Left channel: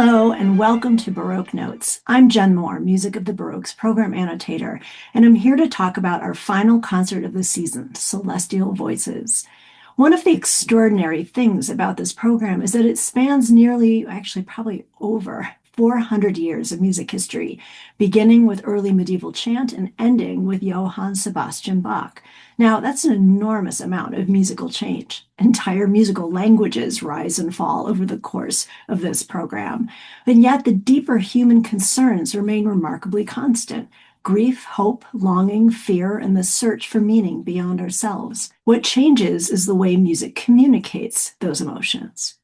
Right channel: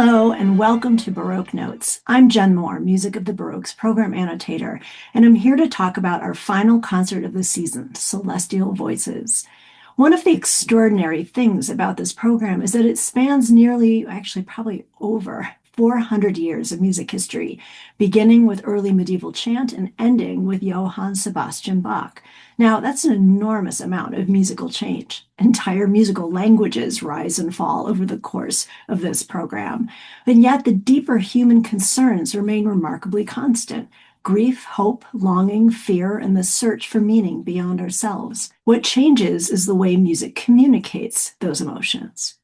Hello and welcome to Baroque Notes. I'm Jen Moore, Music of the Baroque's program annotator, and I'm here to talk about our final concert of the season, Celestial Voices. One of the extraordinary things about this program is that it spans probably over 400 years of music history, beginning with early medieval chant and ending with Johann Sebastian Bach. Now, that's an enormous amount of musical change. Entire musical languages rise and fall over the course of this program. And yet, the deeper human concerns remain remarkably constant: grief, hope, longing, fear, and the search for meaning beyond ourselves. What changes is the way music communicates those emotions.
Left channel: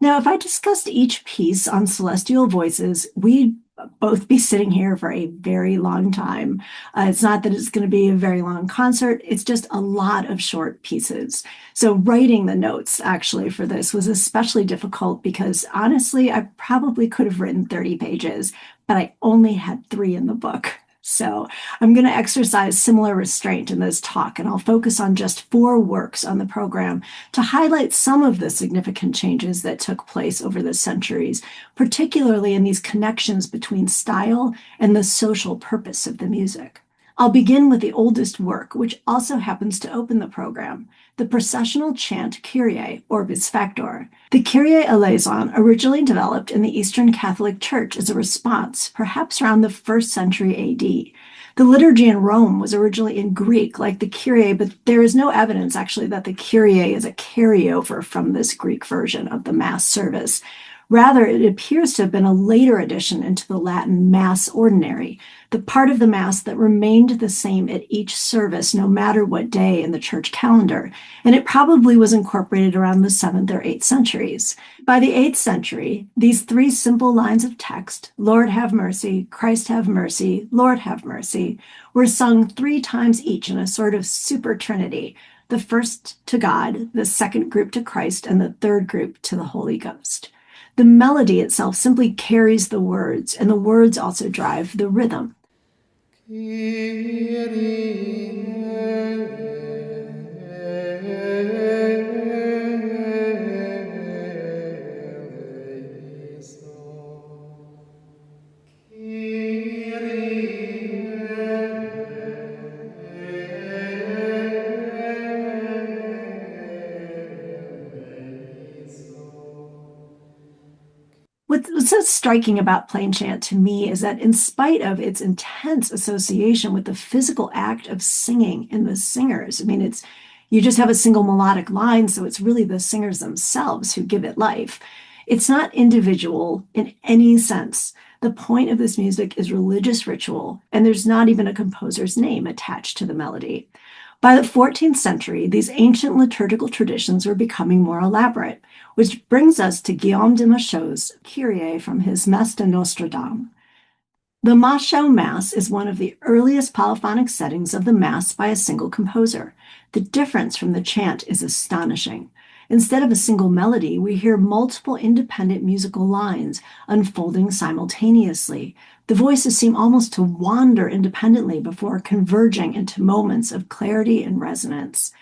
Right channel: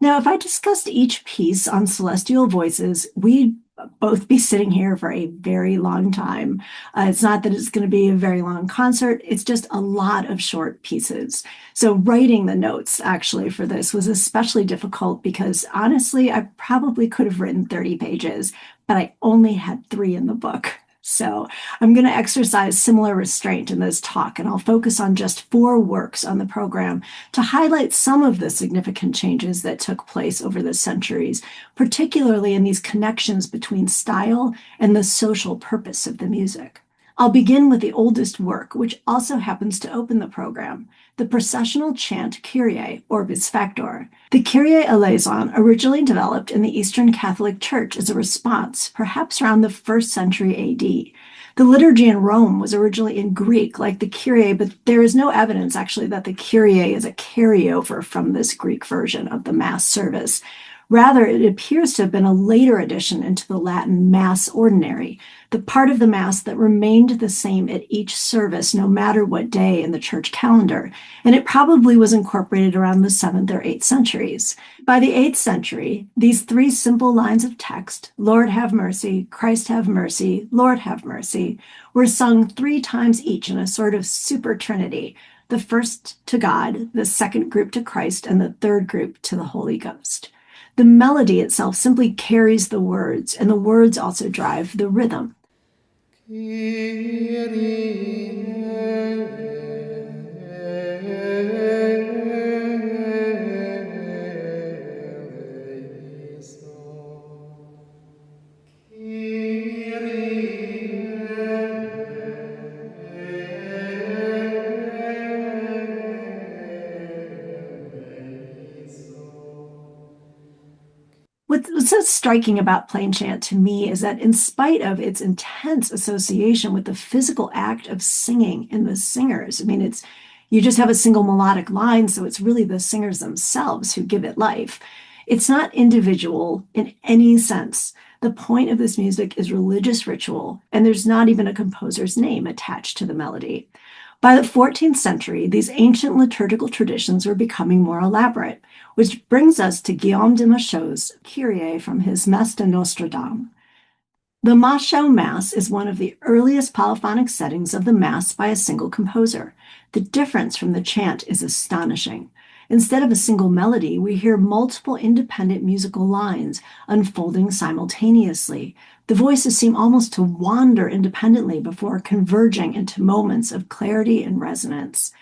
Now, if I discussed each piece on Celestial Voices, we'd both be sitting here for a very long time. It's not that it's going to be a very long concert, it's just a lot of short pieces. So writing the notes actually for this was especially difficult because honestly, I probably could have written 30 pages, but I only had 3 in the book. So I'm going to exercise similar restraint in this talk, and I'll focus on just 4 works on the program to highlight some of the significant changes that took place over the centuries, particularly in these connections between style and the social purpose of the music. I'll begin with the oldest work, which also happens to open the program, the processional chant Kyrie, Orbis Factor. The Kyrie eleison originally developed in the Eastern Catholic Church as a response, perhaps around the 1st century AD. The liturgy in Rome was originally in Greek, like the Kyrie, but there is no evidence actually that the Kyrie is a carryover from this Greek version of the Mass service. Rather, it appears to have been a later addition into the Latin Mass Ordinary, the part of the Mass that remained the same at each service, no matter what day in the church calendar, and it probably was incorporated around the 7th or 8th centuries. By the 8th century, these 3 simple lines of text, Lord have mercy, Christ have mercy, Lord have mercy, were sung 3 times each in a sort of super trinity, the first to God, the second group to Christ, and the third group to the Holy Ghost. The melody itself simply carries the words, and the words also drive the rhythm. What's so striking about plain chant to me is that in spite of its intense association with the physical act of singing and the singers, you just have a single melodic line, so it's really the singers themselves who give it life. It's not individual in any sense. The point of this music is religious ritual, and there's not even a composer's name attached to the melody. By the 14th century, these ancient liturgical traditions were becoming more elaborate, which brings us to Guillaume de Machaut's Kyrie from his Messe de Notre Dame. The Machaut Mass is one of the earliest polyphonic settings of the Mass by a single composer. The difference from the chant is astonishing. Instead of a single melody, we hear multiple independent musical lines unfolding simultaneously. The voices seem almost to wander independently before converging into moments of clarity and resonance.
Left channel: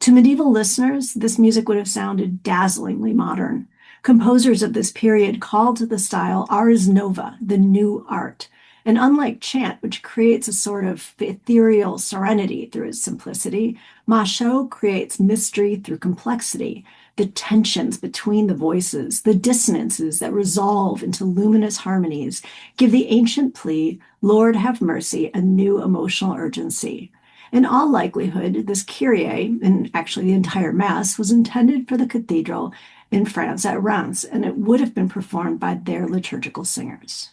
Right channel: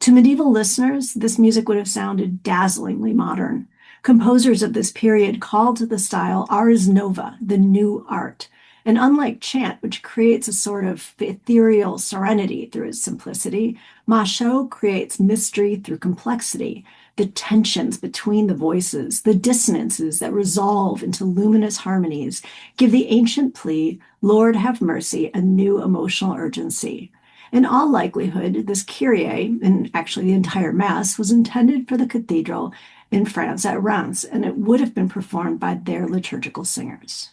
To medieval listeners, this music would have sounded dazzlingly modern. Composers of this period called the style ars nova, the new art. And unlike chant, which creates a sort of ethereal serenity through its simplicity, Machaut creates mystery through complexity, the tensions between the voices, the dissonances that resolve into luminous harmonies, give the ancient plea, Lord have mercy, a new emotional urgency. In all likelihood, this Kyrie, and actually the entire Mass, was intended for the cathedral in France at Reims, and it would have been performed by their liturgical singers.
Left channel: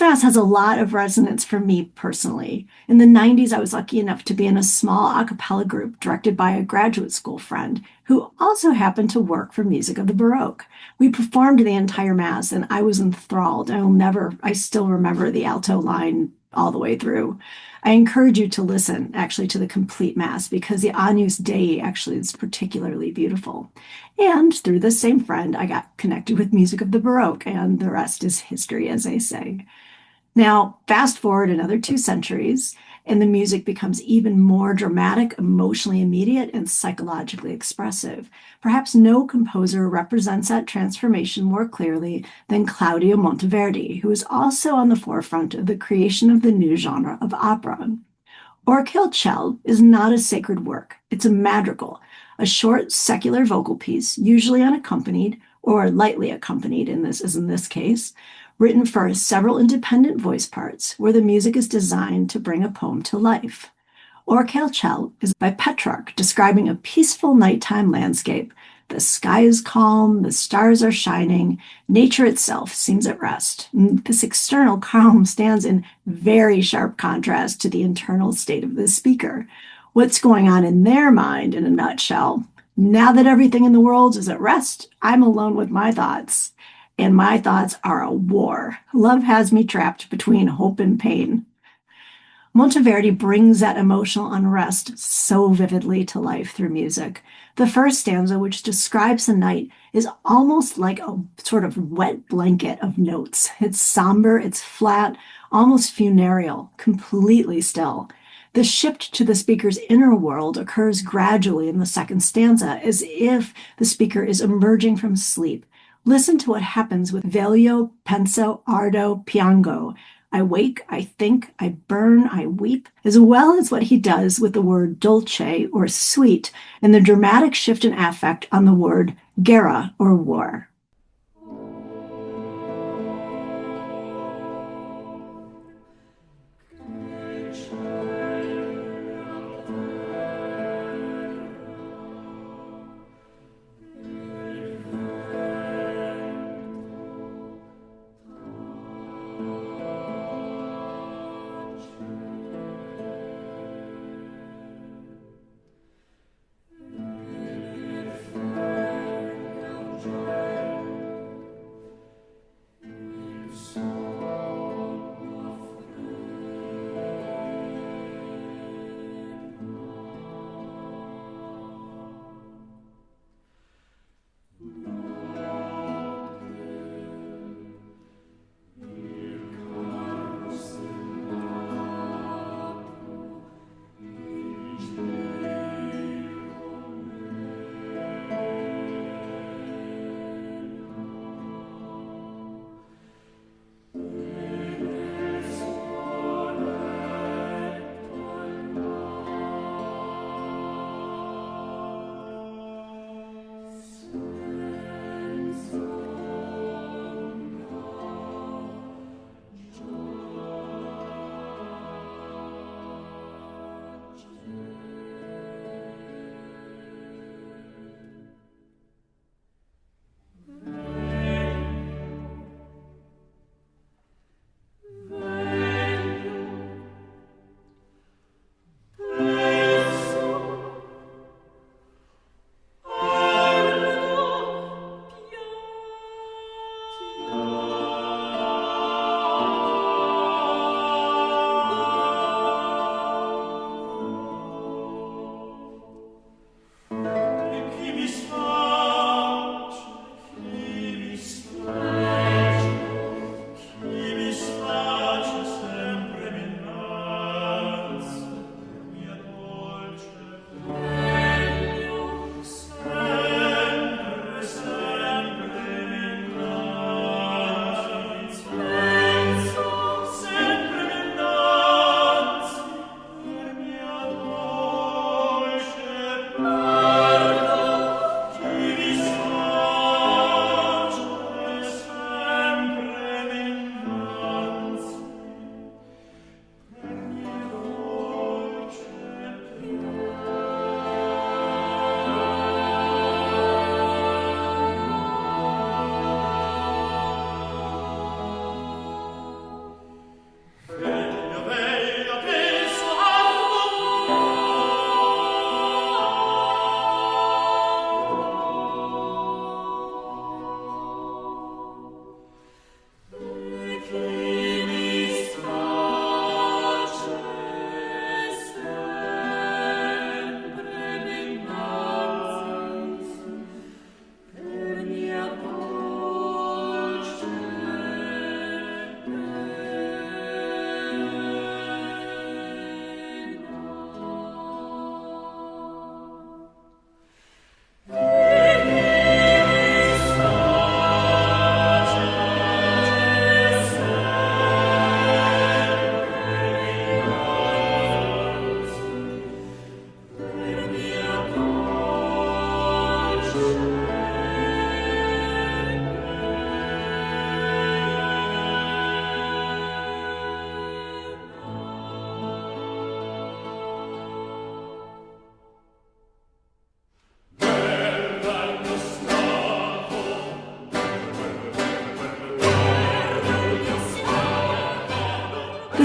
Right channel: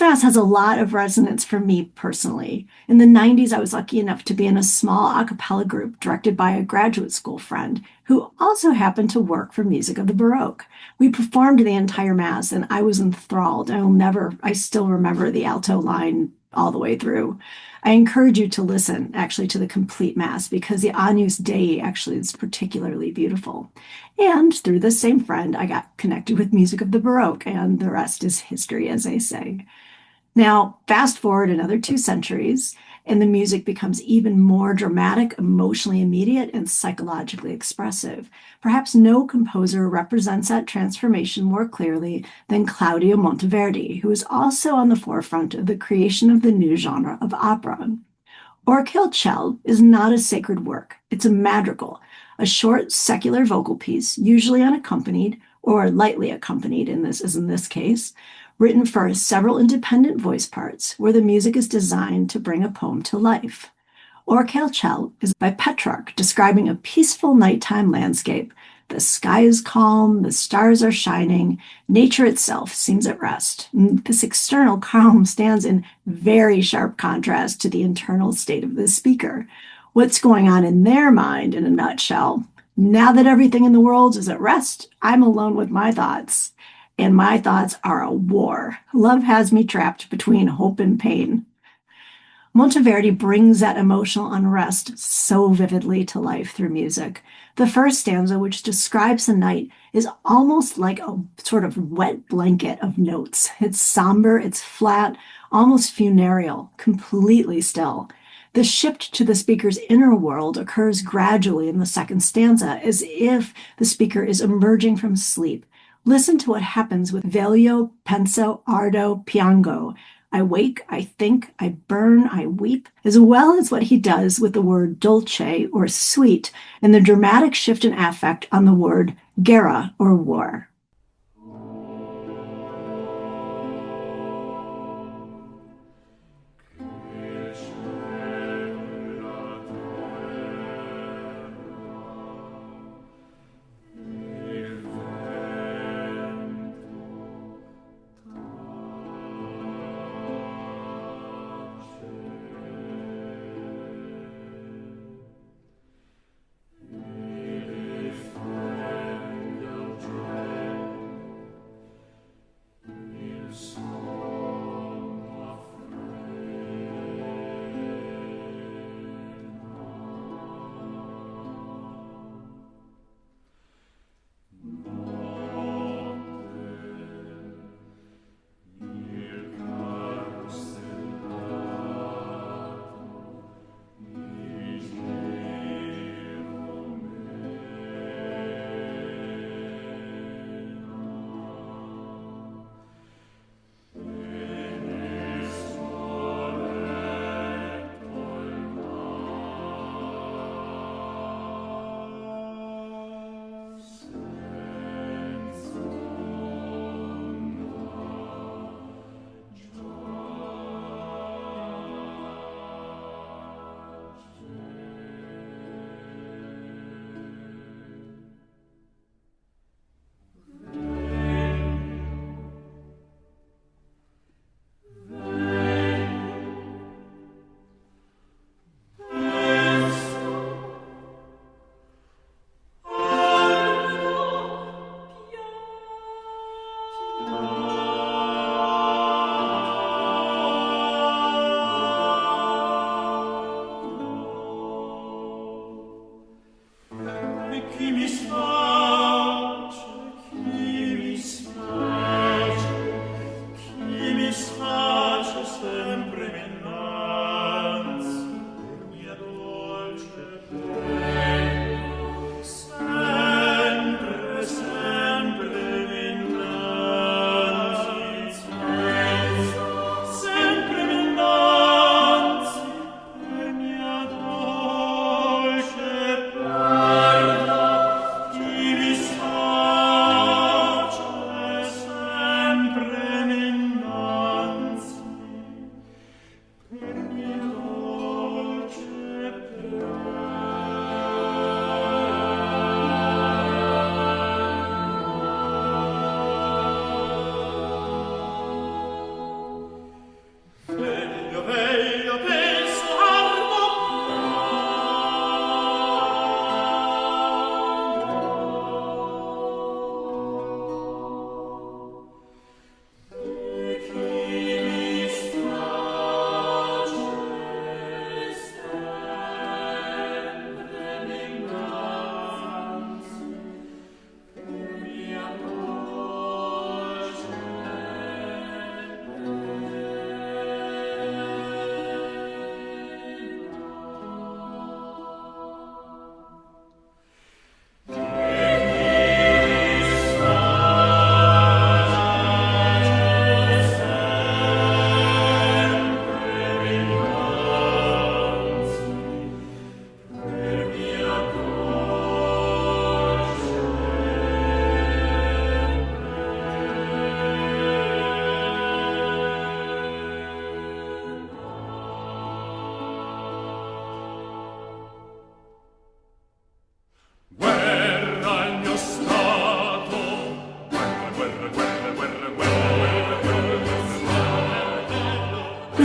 This mass has a lot of resonance for me personally. In the 90s, I was lucky enough to be in a small a cappella group directed by a graduate school friend who also happened to work for Music of the Baroque. We performed the entire mass and I was enthralled. I still remember the alto line all the way through. I encourage you to listen actually to the complete mass because the Agnus Dei actually is particularly beautiful. And through this same friend, I got connected with Music of the Baroque, and the rest is history, as they say. Now, fast forward another 2 centuries, and the music becomes even more dramatic, emotionally immediate, and psychologically expressive. Perhaps no composer represents that transformation more clearly than Claudio Monteverdi, who is also on the forefront of the creation of the new genre of opera. Orchil Cell is not a sacred work. It's a madrigal, a short secular vocal piece, usually unaccompanied or lightly accompanied as in this case, written for several independent voice parts where the music is designed to bring a poem to life. Orchil Cell is by Petrarch, describing a peaceful nighttime landscape. The sky is calm, the stars are shining, nature itself seems at rest. This external calm stands in very sharp contrast to the internal state of the speaker. What's going on in their mind in a nutshell? Now that everything in the world is at rest, I'm alone with my thoughts. And my thoughts are a war. Love has me trapped between hope and pain. Monteverdi brings that emotional unrest so vividly to life through music. The first stanza, which describes the night, is almost like a sort of wet blanket of notes. It's somber, it's flat, almost funereal, completely still. The shift to the speaker's inner world occurs gradually in the second stanza, as if the speaker is emerging from sleep. Listen to what happens with Veglio, penso, ardo, piango. I wake, I think, I burn, I weep, as well as what he does with the word dolce or sweet and the dramatic shift in affect on the word guerra or war.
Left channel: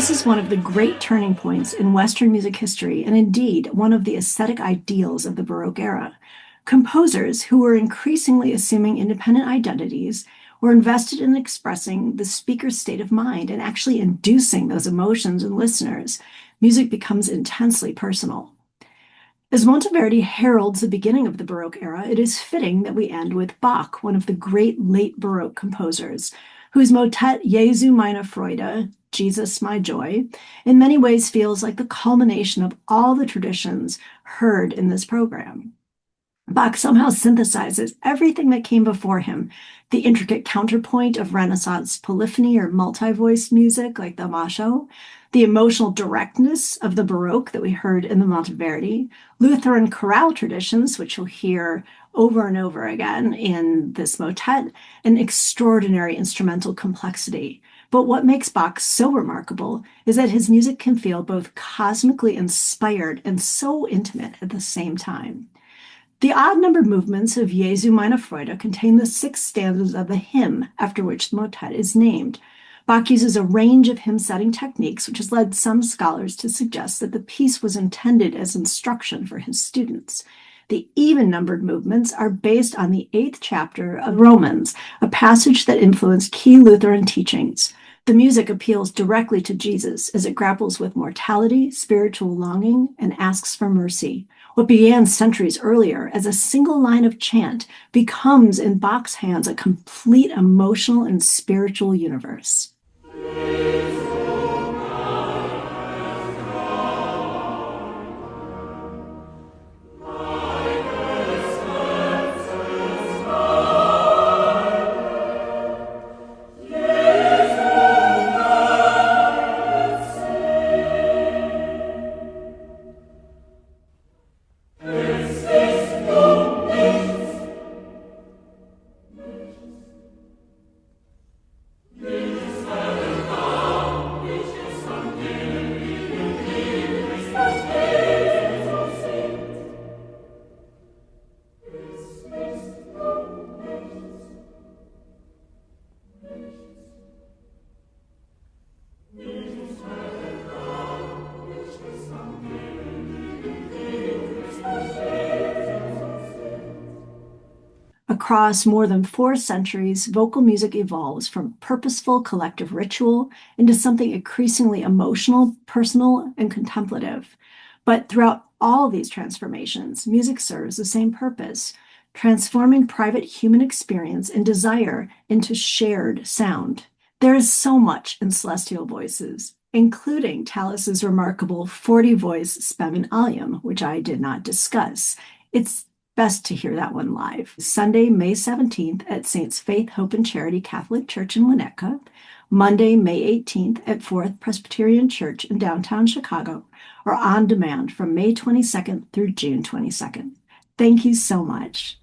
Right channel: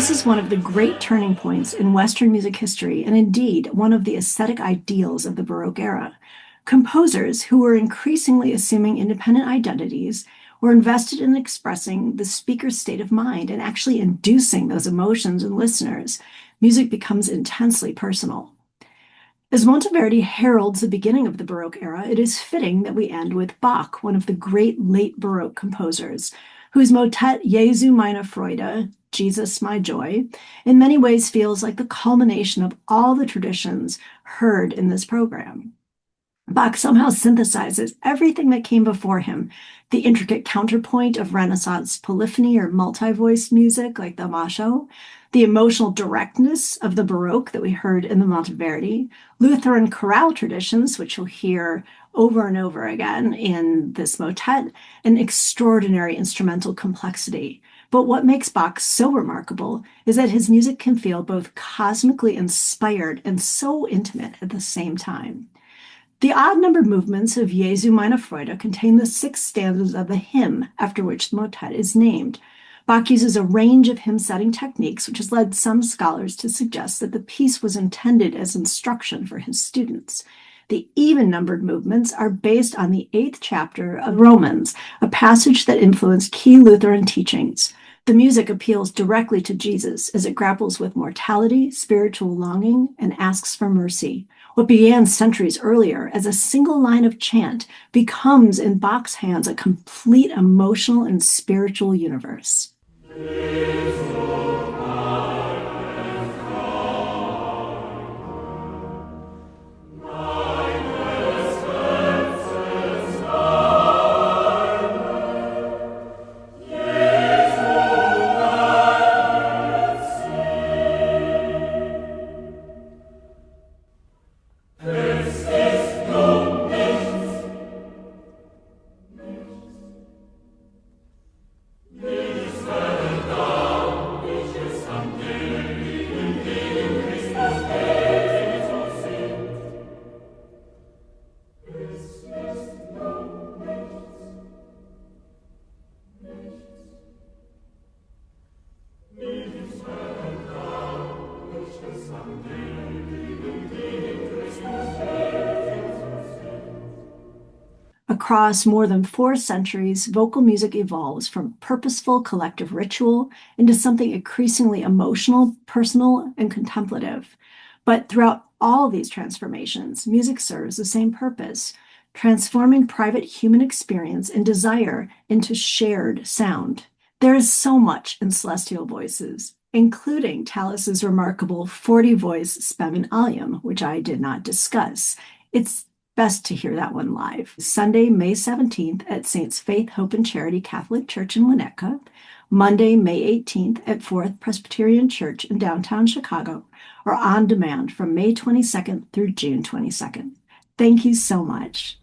This is one of the great turning points in Western music history, and indeed one of the aesthetic ideals of the Baroque era. Composers who were increasingly assuming independent identities were invested in expressing the speaker's state of mind and actually inducing those emotions in listeners. Music becomes intensely personal. As Monteverdi heralds the beginning of the Baroque era, it is fitting that we end with Bach, one of the great late Baroque composers, whose motet Jesu meine Freude, Jesus my joy, in many ways feels like the culmination of all the traditions heard in this program. Bach somehow synthesizes everything that came before him, the intricate counterpoint of Renaissance polyphony or multi-voiced music like the Machaut, the emotional directness of the Baroque that we heard in the Monteverdi, Lutheran chorale traditions, which you'll hear over and over again in this motet, and extraordinary instrumental complexity. But what makes Bach so remarkable is that his music can feel both cosmically inspired and so intimate at the same time. The odd-numbered movements of Jesu meine Freude contain the 6 stanzas of the hymn after which the motet is named. Bach uses a range of hymn-setting techniques, which has led some scholars to suggest that the piece was intended as instruction for his students. The even-numbered movements are based on the 8th chapter of Romans, a passage that influenced key Lutheran teachings. The music appeals directly to Jesus as it grapples with mortality, spiritual longing, and asks for mercy. What began centuries earlier as a single line of chant becomes, in Bach's hands, a complete emotional and spiritual universe. Across more than 4 centuries, vocal music evolves from purposeful collective ritual into something increasingly emotional, personal, and contemplative. But throughout all these transformations, music serves the same purpose, transforming private human experience and desire into shared sound. There is so much in celestial voices, including Tallis's remarkable 40-voice Spem in Alium, which I did not discuss. It's best to hear that one live. Sunday, May 17th at Saints Faith, Hope, and Charity Catholic Church in Winnetka. Monday, May 18th at Fourth Presbyterian Church in downtown Chicago, or on demand from May 22nd through June 22nd. Thank you so much.